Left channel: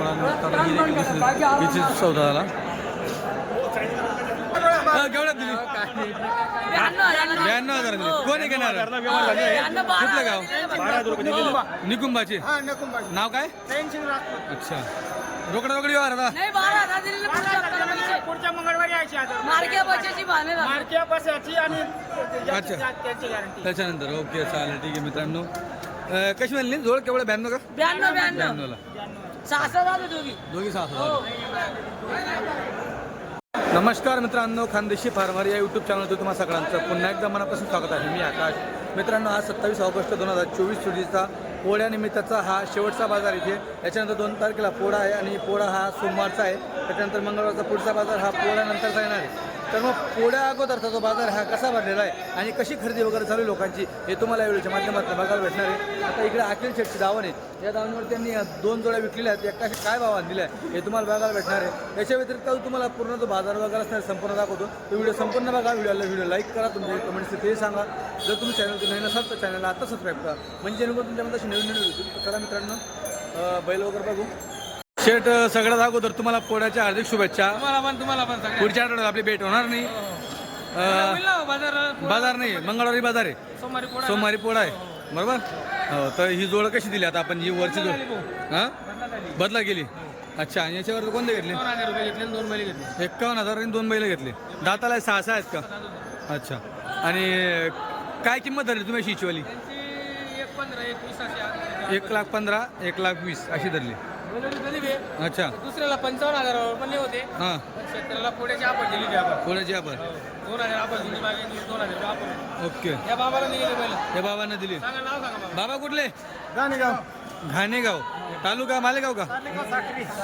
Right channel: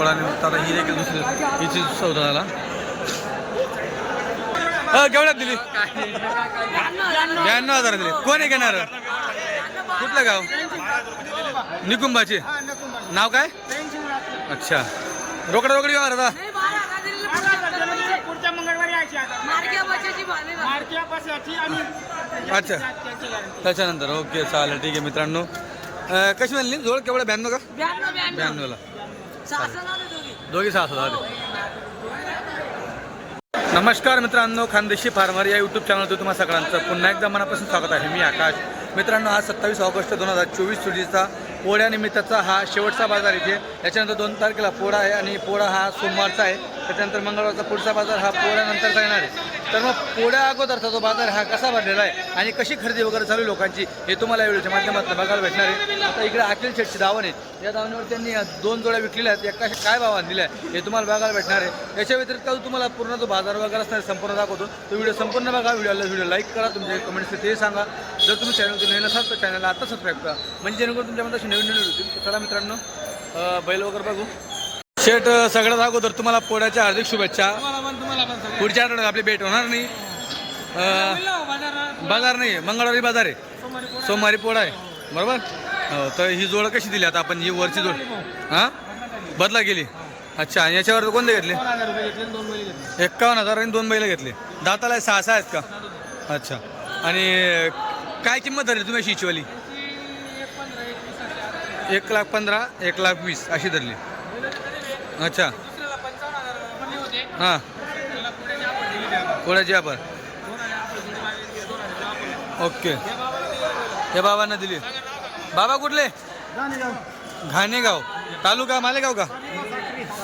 पोळानिमित्त आता ही देखील दुसरी हिची सौदा झाला. केवढ्यात दिली? ब्याण्णव हजार दिली. कोण आहे घेणार? कुठलं गाव? निकुंबाचे नाव काय? अच्छा. रोकडा रोकडी व्यवहार आता पुढच्या मंगळवारी अच्छा. त्याच्यानंतर. ओके चालेल. ठीक आहे मित्रांनो. कशी म्हणली? जोड केवढं? ब्याण्णव का? ब्याण्णवला. दोघी. सहा झाले नमस्कार मित्रांनो खानदेशी फार्मर या यूट्यूब चॅनलवर तुम्हाला सगळ्यांचं पुन्हा एकदा मनापासून स्वागत आहे. मी आकाश. मित्रांनो आज सत्तावीस ऑगस्ट दोन हजार चोवीस रोजीचा पोळ्यानिमित्ताचा हा शेवटचा बाजार इथे. याच्यानंतर दोन तारखेला पोळा आहे आणि पोळा हा सोमवारचा आहे. त्याच्यानंतर मंगळवारचा पुढचा बाजार हा पोळ्यानंतरचा येणार आहे. तर मग पोळ्या अगोदरचा जो बाजार हा कसा भरलेला आहे आणि कशी खरेदी वगैरे चालू लोकांची हे तुम्हाला या व्हिडिओच्या माध्यमातून बघायला भेटणार आहे. आता इकडे अखिल शेटची दावण आहे. या दावणीवर त्यांनी दोन जोड्या विकलेल्या आहेत. एका काय भावान दिल्या आहे हे तुम्हाला बघायला भेटणार आहे. याच्या व्यतिरिक्त तुम्हाला पूर्ण जो बाजार वगैरे असणार आहे, संपूर्ण दाखवतो. तो व्हिडिओ संपूर्ण बघा. व्हिडिओला व्हिडिओ लाईक करा. तुमचे कमेंट्स ते सांगा. जर तुम्ही चॅनल नवीन असाल तर चॅनलला आता सबस्क्राईब करा. म्हणजे जेणेकरून तुमच्यामध्ये नवीन नवीन होतील चला मित्रांनो बैल वगैरे बघू. शेट सगळ्यात अगोदर तुम्हाला पोळ्याच्या हार्दिक शुभेच्छा. पुढच्या आठवड्यात आपली भेट होणार नाही. अं, बाजार बाजार नाही मंगळवारी बाजार आहे. सोमवारी पोळा आहे. बरोबर? हो तर ही जोड कशी दिली आता आपण? ही वरची जोड. हां? बदला गेली? अच्छा आणि याच्यावर कोणते घेतले? एक्कावन्न हजार आणि दोन बैल घेतले. दाताला सहा सहा आहेत का? अच्छा. आणि काय किंमत धरली तुम्ही अशी हिचीवाली त्यांची एक पंधरा एक वीस अशी आज एक लाख पंधरा एक लाख वीस अशी धरली. अच्छा. दुसऱ्याला पंचावन्न हजार बनले होते. हां. शेतकऱ्याला पुढे आपण आपण. ओके. या. हे बाबांना दिली. बाबा कुठले? घाणेगाव. तालुका मालेगाव का?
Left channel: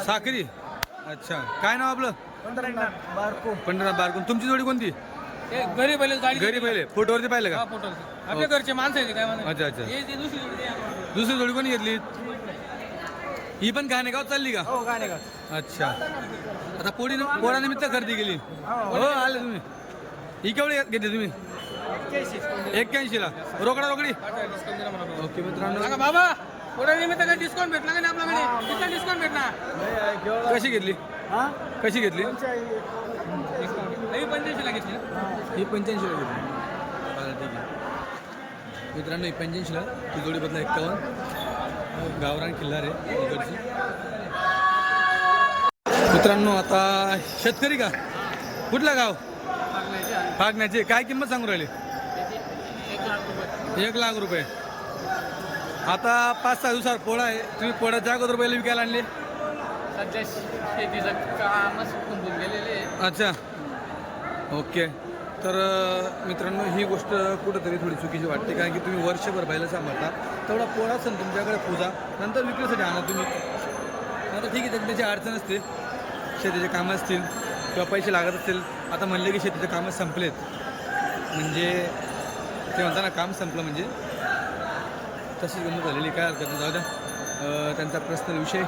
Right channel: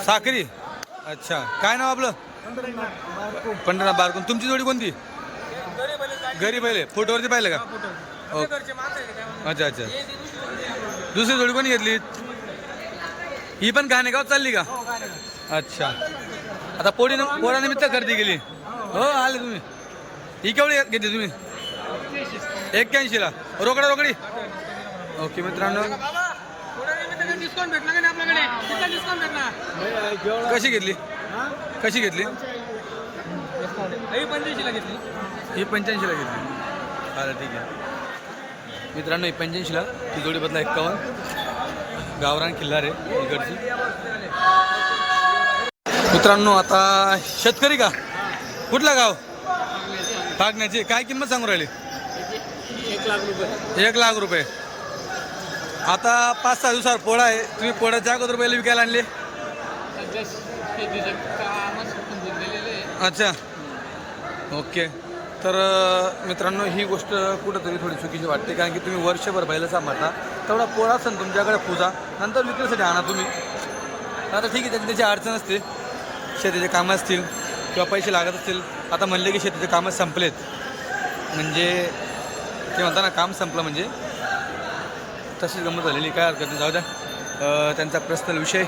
साखरी अच्छा. काय नाव आपलं? पंढरा बारकून. तुमची जोडी कोणती? घरी पहिले फोटोवरती पाहिलं का? अच्छा अच्छा. हे दुसरी जोडी कोणी घेतली? ही पण घाणेगाव चालली का? हो. अच्छा. आता पोळी पोळानिमित्त खरेदी केली. हो. आले तुम्ही. ही केवढी घेतली तुम्ही? एक्क्याऐंशीला. रोकडा रोकडी. ओके मित्रांनो. डिस्काउंट भेटला का नाही आपल्याकडे? किती डिस्काउंट भेटणार कशी घेतली? कशी घेतली? डिस्काउंट ही पंच्याऐंशीला घेतली ही पंच्याऐंशीला घेतली. चालेल ठीक आहे. मित्रांनो पंच्याऐंशीला ती जोडी बदला एक्कावन्न. गावरान किल्लार इकडची. मित्रांनो आता शेतकरी का? कुठला गाव? फागण्याची. काय किंमत सांगू राहिली? एक लाख रुपये. आता पाच सहा दिवसावर पोळा आहे. तुम्ही पोळ्याच्या अगोदर बैल विकायला आणले. अच्छा. ओके. तर मित्रांनो ही गोष्ट कुठंतरी थोडी चुकीची वाटते कारण की तुम्ही वर्षभर बैल सांभाळता. तेवढा पोळा असेल तुमच्याकडे पूजा नंतर विक्रीसाठी आणा तुम्ही. आता ठीक आहे त्याची त्याची अडचण असते. शेतीचे कामं असतील किंवा पैसे लागत असतील. आता म्हणले की शेतीचे कामं संपलेत. म्हणजे ते म्हणता ना काम संपलं म्हणजे. तशीच गंमत झालेली काय हरकत नाही जाऊ द्या. त्यांचा पर्सनल विषय.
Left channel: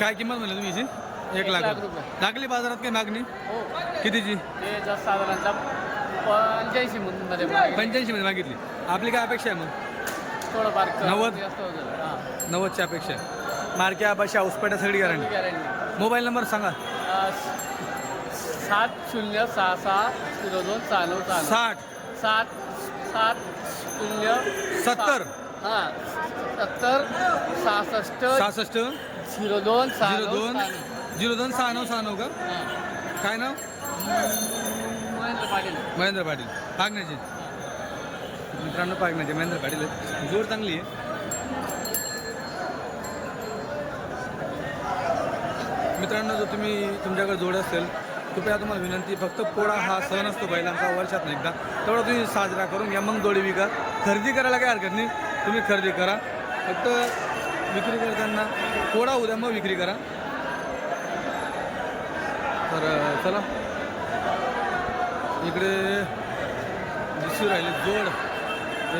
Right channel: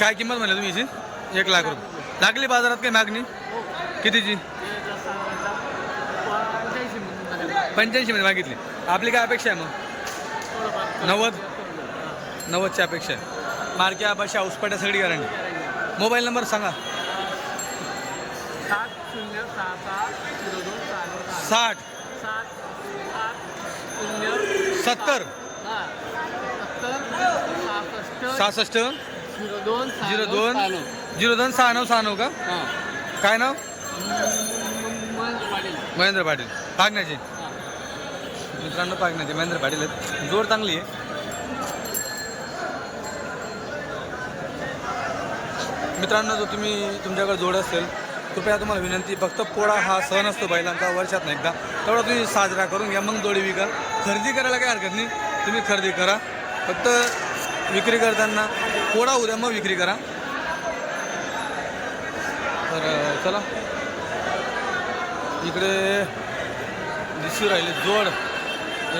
काय किंमत म्हणली तुम्ही याची? एक लाख रुपये. लागली बाजारात काही मागणी? कितीची? पंच्याऐंशी म्हणून मागे. पंच्याऐंशीमध्ये मागितली. आपली काय अपेक्षा आहे मग? थोडंफार नव्वद? नव्वदची अपेक्षा आहे. मार्क्या बशा उसपाट्या सगळी गॅरंटी मोबाईल नंबर सांगा. सात शून्य सहा सहा शून्य दोन सहा नऊ सहा साठ. सात सात शून्य सत्तर. हा. सत्तर सहासष्ट सहासष्ट. झिरो दोन सहा झिरो नऊ दोन. सहा नऊ. झिरो दोन सहा नऊ सहा नऊ का? हा. काय नाव? महेंद्र पाटील. महेंद्र पाटील. पागण्याचे. मित्रांनो पागण्याचे. महेंद्र पाटील आहेत. जोड चांगली आहे. मित्रांनो जो तुम्ही तुमच्याकडे जोड असेल कृपया तुम्हाला विनंती फक्त पोळा हा सण असतो बैलांचा वर्षात एकदा. तेवढा तुम्ही साजरा करून घ्या मग जोडी विका. खरेदी करायला काही हरकत नाही. तुम्ही खरेदी करा. फक्त विक्री करताना पोळा उद्या मग विक्री करा. तर चला. इकडे दिसू राहिले जोड.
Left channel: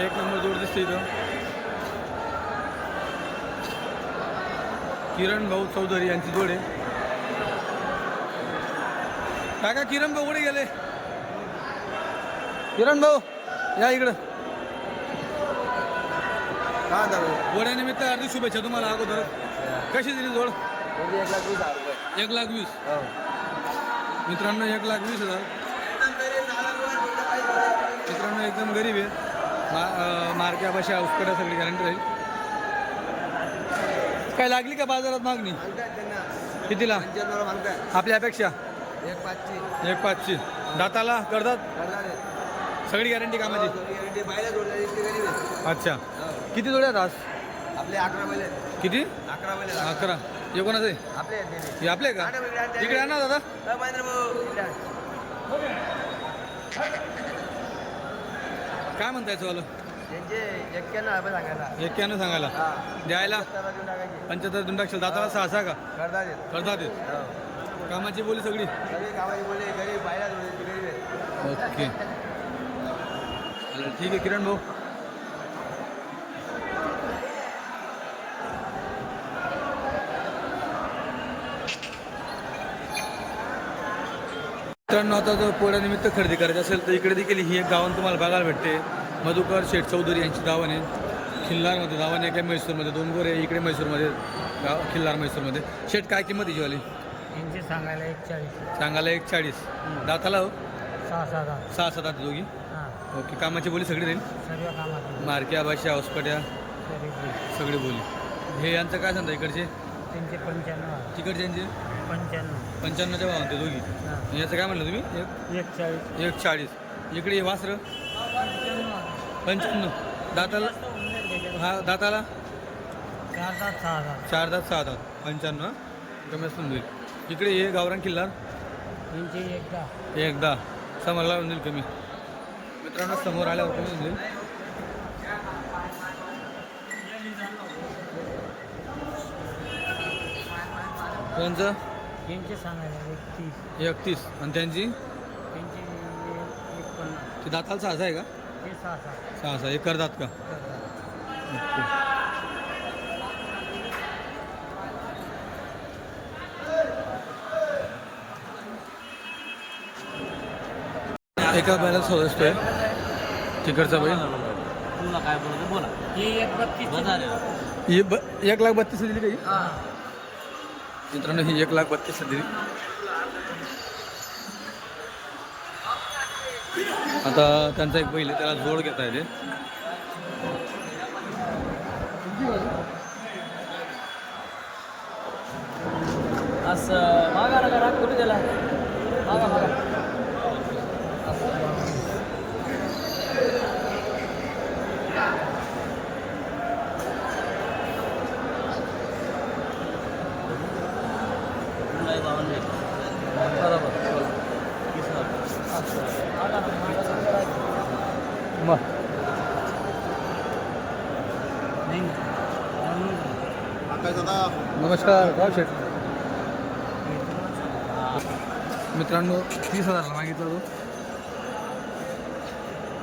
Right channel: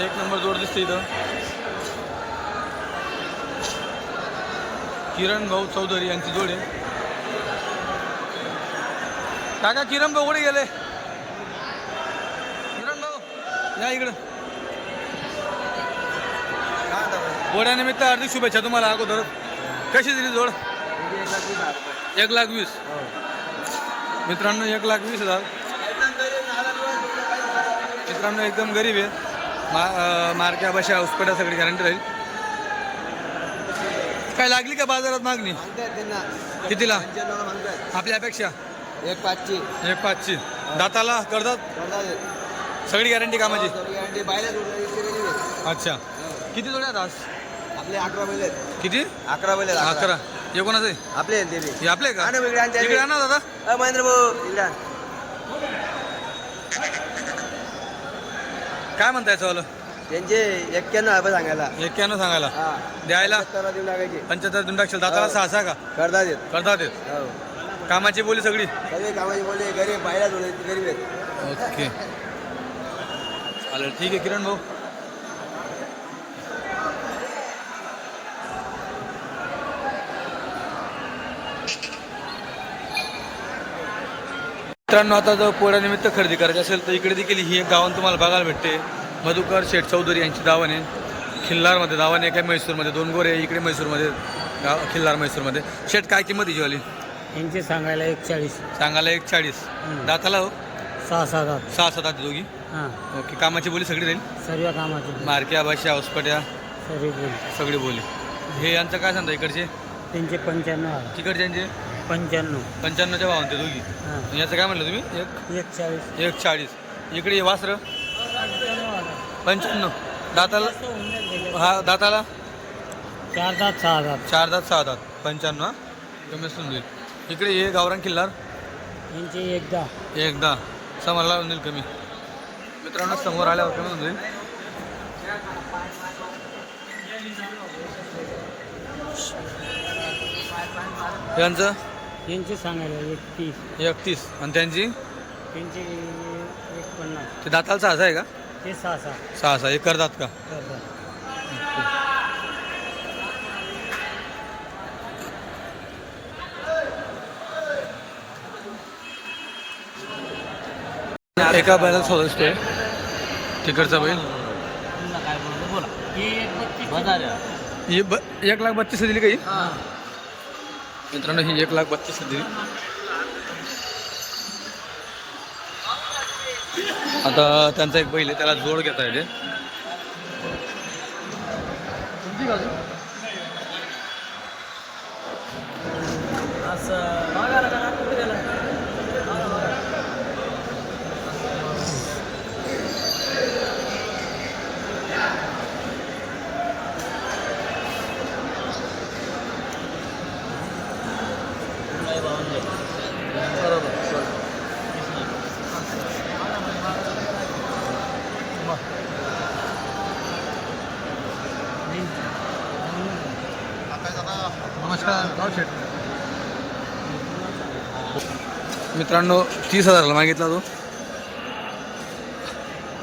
एक नंबर जोड दिसते इथं. किरण भाऊ चौधरी यांची जोड आहे. काका किरण भाऊ कुठे गेले? किरण भाऊ या इकडं. पोळ्यानिमित्त हार्दिक शुभेच्छा तुम्हाला अगोदर. कशी दिली जोड? एक लाख वीस मित्रांनो एक लाख वीस हजार. मित्रांनो एकदम गरीब आहे मा अं, मारक्या बशा उसपट्या सगळी गॅरंटी राहील. काय लागली का बाजारात मागणी? कितीला? आपल्या अपेक्षा? एक पाचची. एक पाचची दाताला करतात सगळी गॅरंटी कामाची? अच्छा. किती जोड्या आहेत आज? आपले अकरा महिने किती? अकरा. महिने अकरा हे आहे? आपले हे आपले का? इकडे आणा दादा. महेंद्र भाऊ काय म्हणता याचं वालं त्यांचे एक्क्याण्णव रुपये सांगायला. एक्क्याण्णव सांगायला. द्यायला? पंच्याहत्तर देऊन टाकशील. दाताला सहा सहा का? करता देत. करतात येत कामाची बोली सगळी? कामाचे बोलले गरीब गरीब आहेत. ओके. चालेल ठीक आहे किरण भाऊ. मित्रांनो आता जर पोळ्यानिमित्त खरेदी करायची असेल तर इकडे देखील ही एक गावान तुम्हाला बघायला भेटते. मधुकर शेठ चौधरी यांची दावाने खिल्लारमध्ये दावाने काय म्हैसूरमध्ये दोन गोरे इकडे म्हैसूरमध्ये गाव खिल्लार म्हैसूरमध्ये. शेठ काय किंमत हिची वाली यांचे सांगायला एक चाळीस. सांगायला एक चाळीस. दाताला हो? सहा सहा सहा सात दोघी? हां. ओके कामाची बोली सगळी राहील सर्व कामाचे मारक्या भाषा बोल. सगळी बोली. हे यांचं काय सांगता इकडचे? त्यांचे पंच्याण्णव तिकडच्यांचे पंच्याण्णव. पंच्याण्णवच्या भावान ते दोघी. याचं काय म्हणलं तुम्ही? एक? एक चाळीस. एक चाळीस. इकडे वासर. पंच्याण्णव. दाताला? हा दाताला? चार दात सहा दात. चार दात सहा दात. पंच्याण्णव हा? कमी असून देईल इकडे हे गावरान किल्लार. यांचे एकदा. एकदा. समोरला होऊन जाईल कमी मित्रांनो समोर आल्यावर कमी होऊन जाईल. यांचं? सांगायला एक तीस एकतीस. आणि त्यांची? त्यांचे एक पन्नास ते दाताला सहा आहे का? ते सहा सहा सहा सहा एक करतात का? एका बैलाला सोळा असतोय तिकडचा बैल? तुम्हाला काय बोलायचं? बोला. ही एक बत्तीस ही ब एक लाख बत्तीस दिली काही मित्रांनो ही एक लाख बत्तीस दिली. आता त्यांचा एक बैल आहे त्याला जोड घेता येते. नमस्कार गाव शेठ मित्रांनो तीस हजाराला मागितला तो.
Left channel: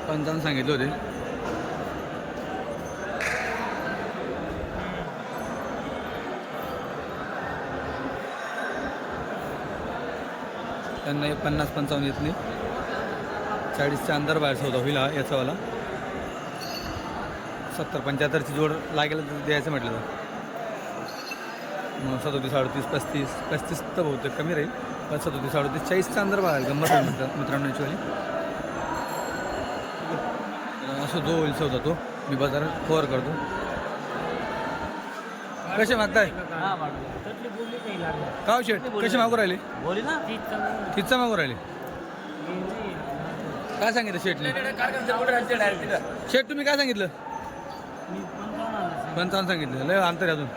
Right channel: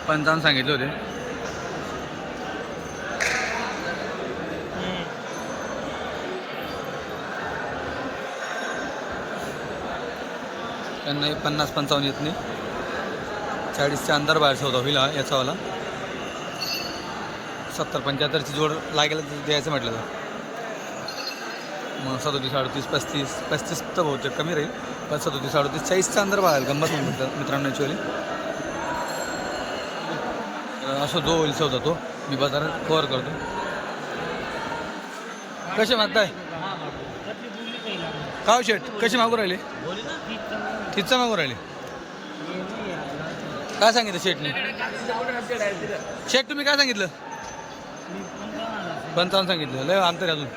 पंचावन्न सांगितले होते. त्यांना हे पन्नास पंचावन्न येत नाही. चाळीसच्या अंदर बाहेर सौदा होईल याचावाला सत्तर पंच्याहत्तरची जोड लागेल तर द्यायचं म्हटलं तर. मग सदोतीस साडतीस पस्तीस पस्तीस तर बहुतेक कमी राहील. पण सदोतीस अडतीस चाळीसचा अंदर बघायला गंमत होईल मित्र मित्रांनो ॲक्च्युअली असं जो होईल सौदा तो. मी बाजारात कव्हर करतो. कसे मागताय? काव हो शेट कसे मागू राहिले? तिथचा मागू राहिले. काय सांगितलं शेटनी शेट तुम्ही काय सांगितलं? पंचावन्न सांगितलं. लय अंतर आहे अजून.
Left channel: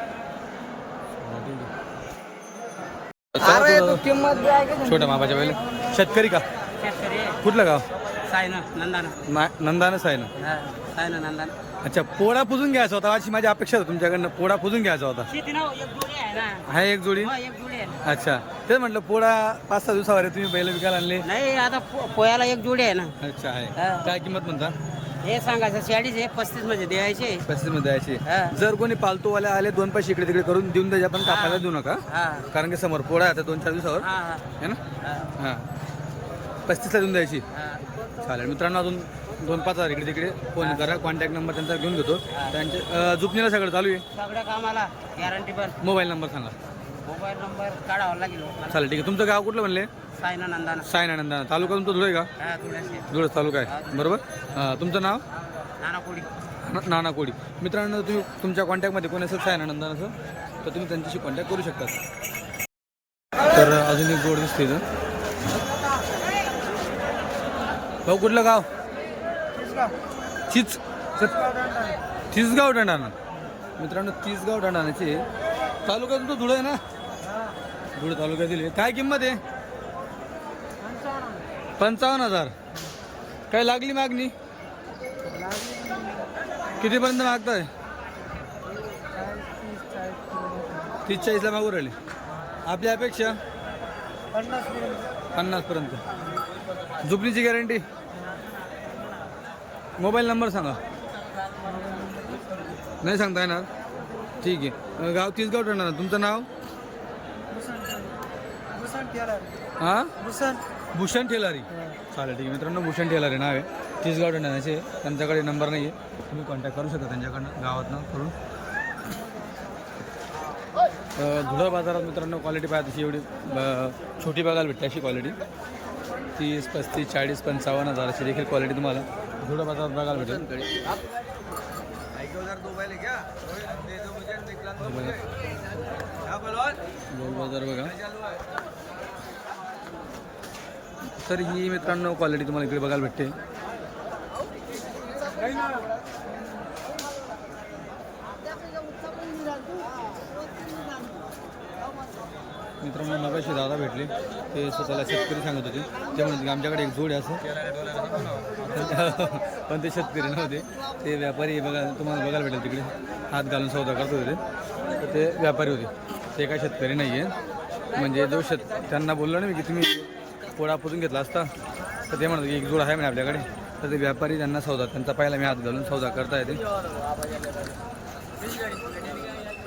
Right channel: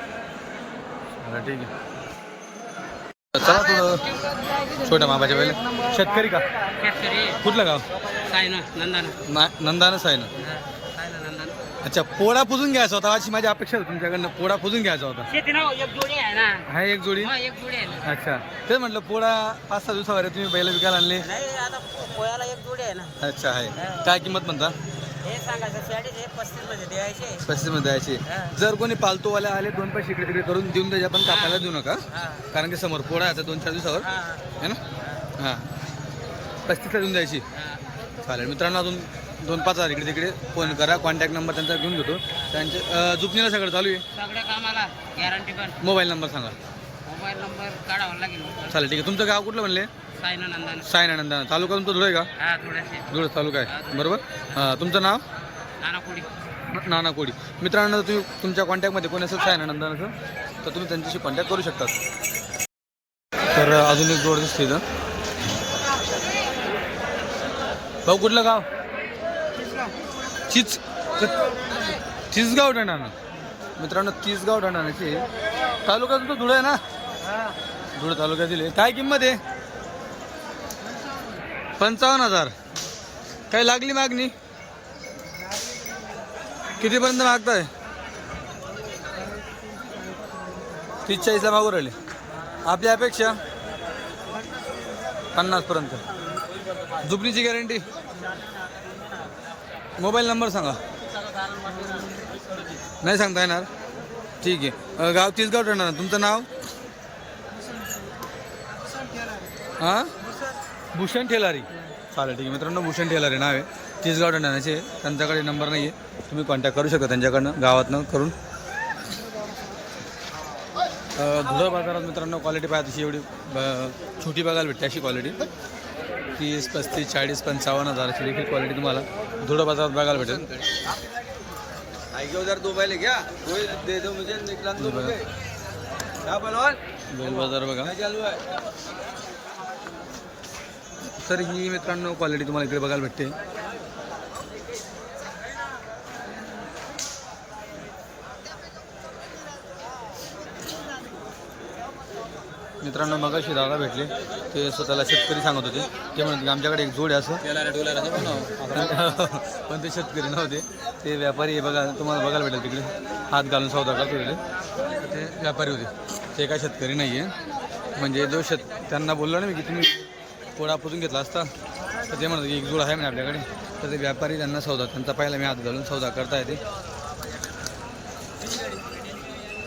चला ठीक आहे. चला थोडं छोट्या मापाच्या पहिले. शेतकरी का? शेतकरी. कुठलं गाव? सायना नंदाना. ना नंदानच आहे ना सायना नंदाना. अच्छा पोळा पुजून घ्यायचा होता. अशी माझी अपेक्षा होती तुमच्याकडनं. पोळा पुजून घ्यायचा होता. शेती ना एक जोडी आहे ना. हा एक जोडी? हा एक जोडी आहे ना. अच्छा. तेच म्हटलं पोळा पाच सहा दिवसावर तुम्ही बैल विकायला आणले. नाही आता पो- पोह्याला एक जोडी आहे ना. अच्छा आहे. हा. काय किंमत म्हणता? हे सांगायचं चाळीस आहे पस्तीसमध्ये द्यायचे. पस्तीसमध्ये द्यायची. हा. जर कोणी पालतूवाले आले दोन पैसे इकडे तिकडे करून देऊन द्यायचे पण कापायला देऊ नका. हा. कारण की समोर पोळा आता दोन चार दिवसावर. हा हा. है ना? हां. पस्तीसला देऊन द्यायची. हा. चालेल. मित्रांनो अजून दोन पाच हजार इकडे तिकडे फोन करा. कॉन्टॅक्ट नंबर त्यांचा घेऊन घेतो. त्यांचे अं, जुपणीला सगळं चालू आहे? सगळ्या कामाला. गॅरंटी पण. मोबाईल नंबर सांगा. मोबाईल नंबर काढावा लागेल हो. चालेल ठीक आहे. तुमचं गाव कुठलं म्हणले? सायना नंदाना. तालुका तुमचा धुळे का? हा थोडेसे धुळे तालुका आहे. बरोबर? हां तुमचं नाव? नाना कोडी न- नाना कोडी मित्रांनो तुम्ही तुमच्या कॉन्टॅक्टमध्ये कोणी असेल? सायनानंदानाचं तर तुम्ही त्यांच्याशी कॉन्टॅक्ट करू शकतात. तर अजून एक जोड दिसते इथं. भाऊ कुठलं गाव? चिच चिचगाव डंडाणा. मित्रांनो चिचगाव डंडाणाचे. तालुका तुमचा धुळे आहे ना? धुळे तालुक्यातील आहे. काय किंमत आहे? पंचावन्न हजार. काय लागली मागणी? कितीपर्यंत मागताय? तीस चाळीसला मागू राहिले. आपली अपेक्षा? पन्नासपर्यंत. दुपणीची गॅरंटी? मोबाईल नंबर सांगा. नाही सांगता येणार? ठीक आहे. गाव तीसगाव ठरणार. तुमचं नाव? हां? भूषण ठेलारी चालेल ठीक आहे. मित्रांनो भूषण ठेलारी नाव आहे. तीसगाव ठरणाचे त्यांच्याकडे नंबर नाही आहे तुम्ही कॉन्टॅक्ट करू शकता त्यांच्याकडनं गावातनं करून. धुळं बाजारात मित्रांनो क्वालिटी पाहिजे तशी एवढी छोटी बघायला भेटते अशी क्वालिटी तीस पस्तीस चाळीस पंचावन्न हजाराची देखील क्वालिटी तुम्हाला धुळं बाजारात बघायला भेटेल. बैल बाजार बघा. तर ही मित्रांनो क्वालिटी तुम्हाला इकडे बघायला भेटते. मित्रांनो मगाशी दादा भेटले. ते स्वतःला शेतकरी सांगत होते. ते म्हणत की आमच्याकडे एक जोड आहे असं. पण ते शेतकरी नव्हते. ते व्यापारी बघा तुम्हाला बघायला भेटेल तिकडे. हात घालून सौदा करतो तिकडे तर ते व्यापारी होते. ते काय शेतकरी नाही आहे म्हणजे जो शेत त्यांना बोललो ना मी की तुम्ही पोळा पुजून घेतला असता. तर ते म्हणत की एक जोड आहे म्हणे आपल्याकडे. तर ते व्यापारी त्यांना सौदा त्यांचा पहिला मी हात घालून सौदा करता येते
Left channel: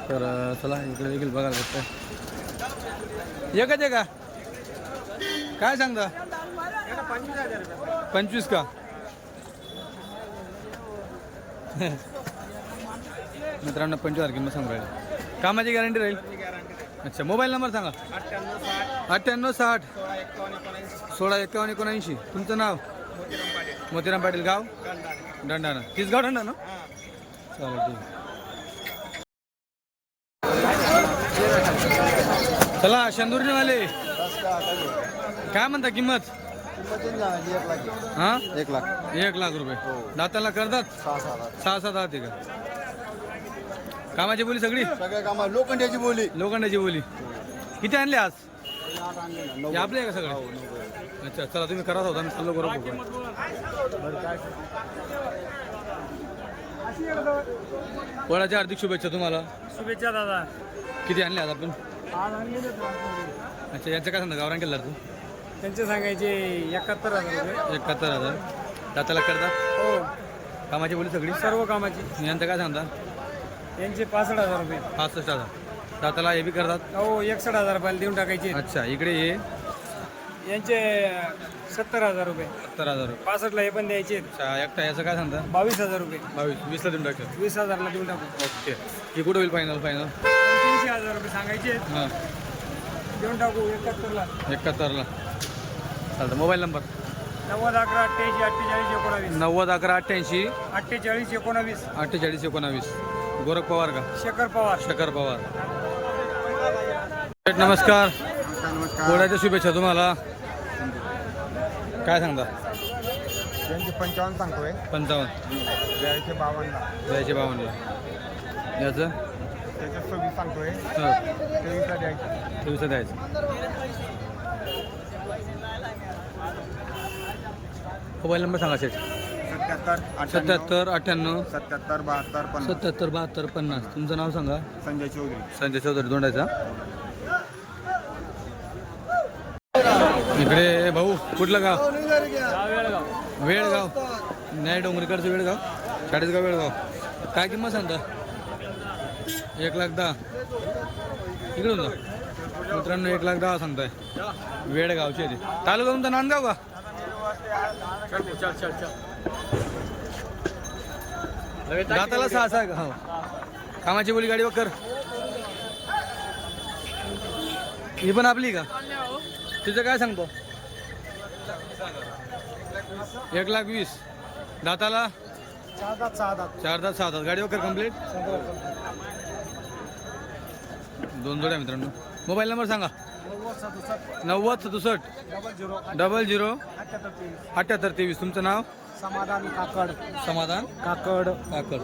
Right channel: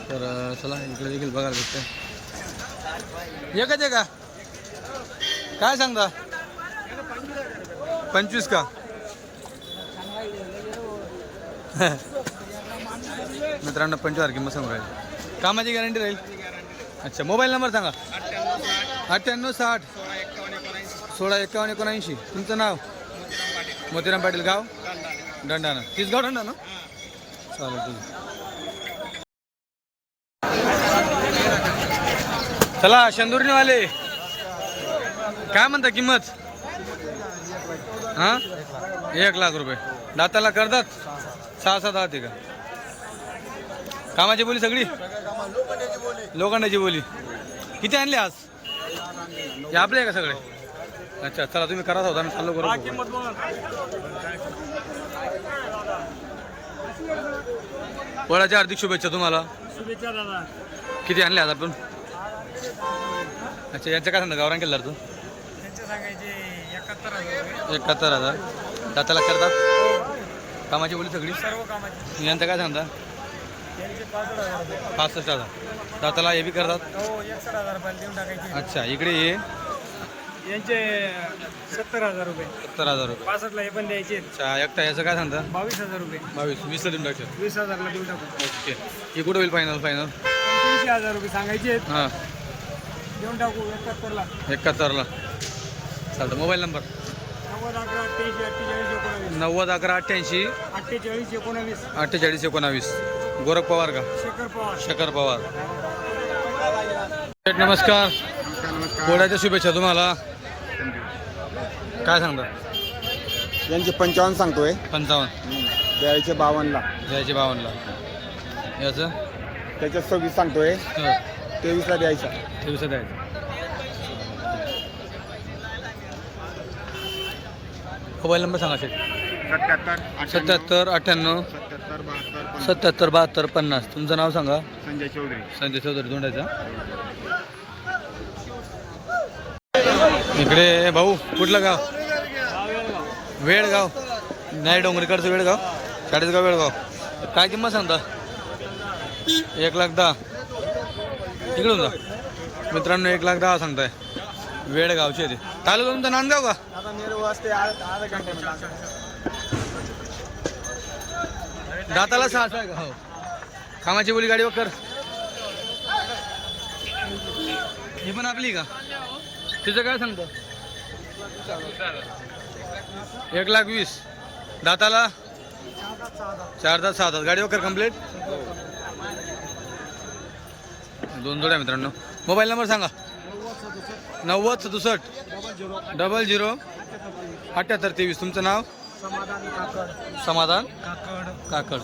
तर चला इकडे देखील बघायला भेटतं एकच आहे का? काय सांगता? पंचवीस का? मित्रांनो पंचवीस तारखे मग सांगू राहील. कामाची गॅरंटी राहील? अच्छा मोबाईल नंबर सांगा. अठ्ठ्याण्णव साठ. सोळा एकावन्न एकोणऐंशी. तुमचं नाव? मोतीराम पाटील. गाव? दंडाना तीस गाव दंडा ना चालेल ठीक आहे. चला वाले काय म्हणता किंमत? हा? एक लाख. एक लाख रुपये. दाताला करतात? सहा सात आहात का? कामाची बोली सगळी? सगळ्या कामा लोखंडाची बोली. लोखंडाची बोली. किती आणले आज? हे आपले आहे का सगळे? अच्छा चला तुम्ही करा होता मी चाललो करू पोळाच्या हार्दिक शुभेच्छा तुम्हाला. शुभेच्छा दादा. किती आणले आज आपण? अच्छा यांचं काय सांगता? गावरान केलं तू? त्यांचे सांगायचे एकाहत्तर हजार एकाहत्तर हजार. दाताला करतात? हो. कामाची बोली सगळी? सर्व कामाची. यांचं काय सांगता? त्यांचे पासष्ट हजार रुपये. पासष्ट हजार. दाताला हे बी करतात? हो एकसष्ट हजार रुपयाला देऊन टाकायचे. अच्छा इकडे हे? यांचे सत्तर हजार रुपये. सत्तर हजार रुपये. पासष्टला हे पण द्यायचे. अच्छा एकटा याचं काय सांगता बावीस हजार रुपये. बावीस वीसला देऊन टाकतात. वीस हजारला देऊन टाकू. ओके. हे कुठं होईल फायनल फायनल पंच्याऐंशी हजार रुपये सांगायचे. हां. देऊन टाकू एकाहत्तरला. एकाहत्तरला. चालतं मोबाईल नंबर? नव्वद अकरा अठ्ठ्याऐंशी अठ्ठेचाळीस एकोणावीस. नव्वद अकरा अठ्ठ्याऐंशी. अठ्ठेचाळीस एकोणावीस. अठ्ठेचाळीस एकोणावीस. गोरख पवार का? शेखर पवार. शकर पवार. नमस्कार. नमस्कार नमस्कार. पोळ्याच्या शुभेच्छा तुम्हाला. काय सांगता? यांचे पंचावन्न सांगतोय. पंचावन्न. द्यायचे बावन्नला. द्यायचे बावन्नला. याचं? त्याच्यात सव्वीस सांगतोय. हो, तेवीसला द्यायचं. तेवीसला द्यायचं. मोबाईल नंबर सांगा शेठ. सत्याहत्तर सत्याहत्तर अठ्ठ्याण्णव सत्याहत्तर बहात्तर पन्नास. सत्याहत्तर बहात्तर पन्नास. तुमचं नाव सांगा. संजय चौधरी. संजय चौधरी दोंडायचा इकडे भाऊ कुठलं गाव? वेळगाव. नाही डोंगरीकडचं वेळगाव. चाळीसगाव वेळगाव. काय किंमत सांगता? एक लाख दहा. इकडून जा. मित्रांनो एक लाख दहा सांगताय. वेळगावचे ते. तालुका तुमचा नांदगाव का? दाताला सहा सहा का? हो. कामाची बोली गाडी कर. ही पण आपली का? तिचं काय सांगतो? एक लाख वीस. दाताला? चार दात सहा दात. गाडी वकर कंप्लीट दोन जोड्या मित्रांनो. मोबाईल नंबर सांगा. नव्वद सदुसष्ट. Double zero. अठ्याहत्तर तेवीस. तुमचं नाव? समाधान काकड. समाधान? काकड. काकड.